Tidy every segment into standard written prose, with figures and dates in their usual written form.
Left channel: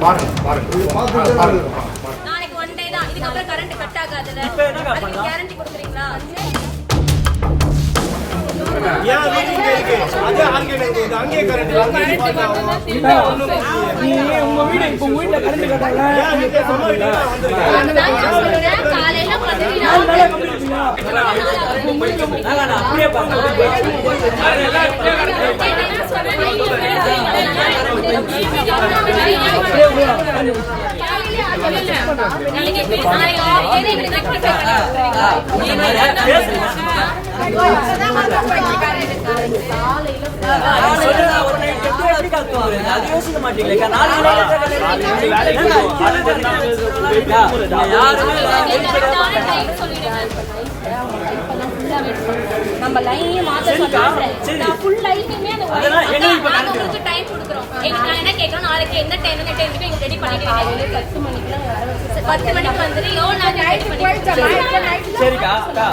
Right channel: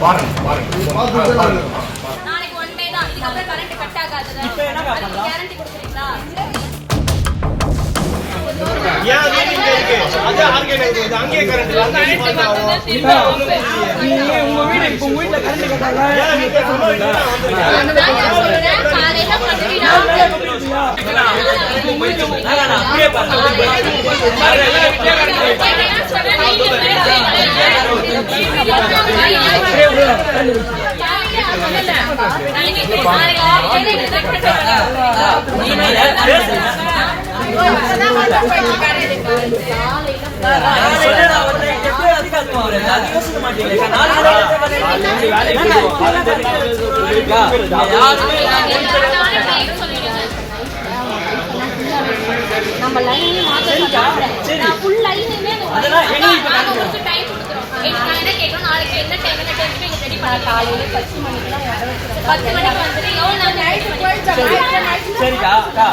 நாளைக்கு one day தான், இதுக்கப்புறம் கரண்ட் கட் ஆகாதுல. இப்போ என்ன பண்ணலாம்? கேரண்டி கொடுக்குறீங்களா? ஏன் வீடு இங்க இருக்கு? அது அங்கே இருக்கு. அங்கே கரண்ட் இல்ல. அங்கே உங்க வீடு இப்போ வீட்ல கரண்ட் கட்டால ஏன் வீட்ல சமாளிக்க வந்திருக்கீங்க? காலையில பத்தினா அப்படியே நம்ம லைனே மாத்த சரி ஃபுல் லைனே அதெல்லாம் எங்களுக்கு இப்ப கொஞ்சம் டைம் கொடுக்குறோம். நான் என்ன கேக்குறேன், நாளைக்கு என்ன டைம் எங்க ரெடி பண்ணி காலையில 10 மணிக்கு 10 மணிக்கு வந்துட்டு எவ்வளவு நேரம் நைட் சரிக்கா அக்கா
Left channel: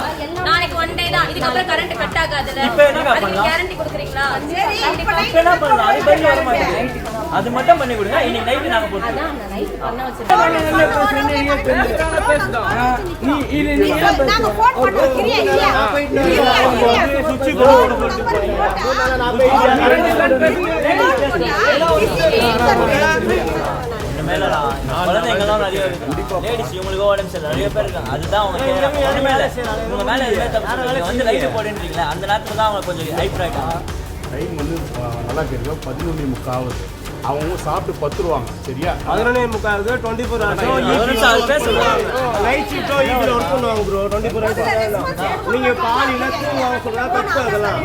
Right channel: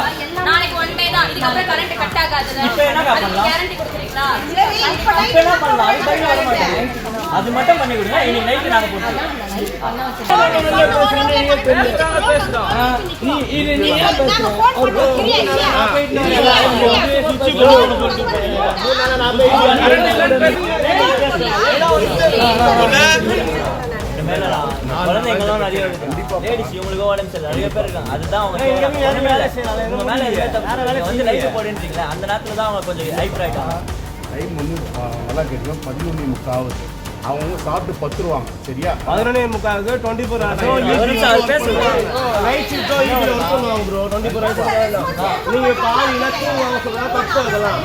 நாளைக்கு ஒன் டே தான், இதுக்கப்புறம் கரண்ட் கட் ஆகாதுல. இப்போ என்ன பண்ணலாம்? கேரண்டி கொடுக்குறீங்களா? இப்போ என்ன பண்ணலாம்? அது பைக் வர மாட்டேங்குது. அது மட்டும் பண்ணி கொடுங்க. இன்னைக்கு நைட்டு நாங்க போட்டுறோம். குழந்தைங்களாம் நிறைய லேடிஸ் இவங்களுக்கு உடம்பு சரி நிறைய பேர் இருக்காங்க. அதுதான் அவங்க கேட்கறாங்க. ஒண்ணுமே இல்லை, உங்க மேல எதுவுமே தப்பு. நீங்க வந்து லைட்டு போடுன்றீங்களா, அந்த நேரத்துல தான் அவங்க கொஞ்சம் ஹைப்பர் ஆயிட்டாங்க. டைம் வந்து நல்லா கேட்கும். 11:45 ஆகுது. அவங்க சாப்பிட்டு பத்துருவாங்க. சரியா? 11:45 24 hours நைட் ஷிஃப்ட் இதுல ஒர்க் பண்ணுவாங்க ப்ரோ. 24 hours நீங்க பாதினா தூங்குவாங்க சொல்றா தப்பு அதெல்லாம்.